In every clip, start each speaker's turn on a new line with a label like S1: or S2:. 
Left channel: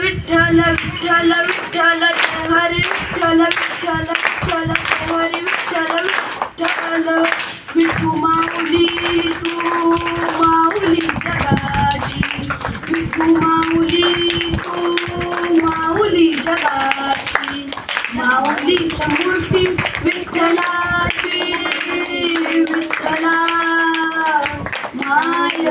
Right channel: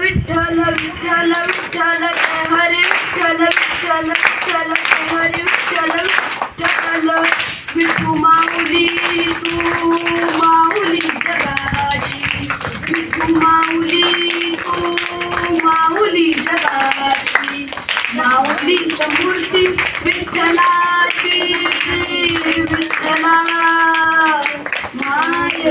S1: विठ्ठल विठ्ठल विठ्ठल हरे विठ्ठल विठ्ठल विठ्ठल हरे विठ्ठल विठ्ठल. विठू माऊली तू माऊली जगाची. विठू माऊली तू माऊली जगाची. माऊलीच्या मूर्ती विठ्ठलाची विठ्ठला. माय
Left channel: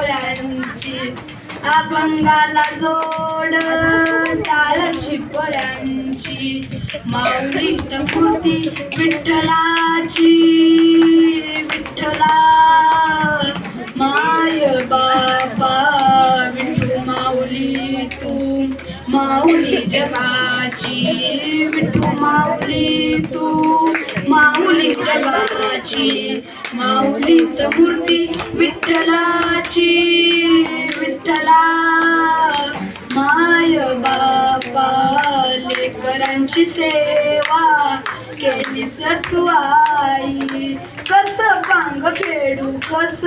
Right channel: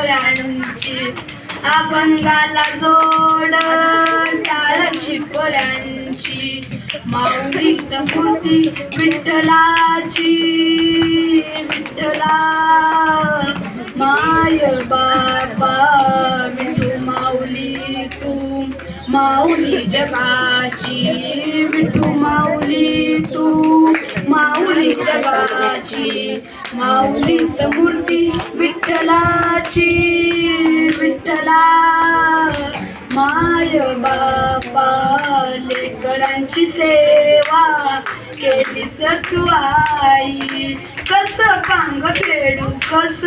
S1: टाळची अभंगाला जोड टाळची पोळ्यांची माऊलीत मूर्ती विठ्ठलाची विठ्ठला. माय बापा विठू माऊली तू. माऊली जगाची विठू माऊली तू. माऊली जगाची माऊलीत मूर्ती विठ्ठलाची विठ्ठला. माय बापा लेकरांची सेवा केली तू आई. कस पांग फेडू कस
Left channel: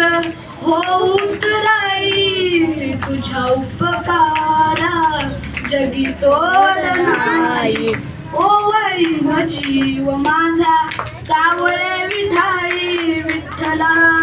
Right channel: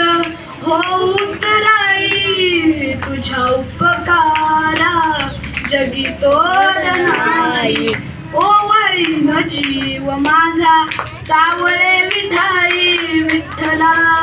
S1: हो उतराई तुझ्या उपकारा जगी तोड नाही. ओवाळीन जीव माझा सावळे विठाई विठ्ठला.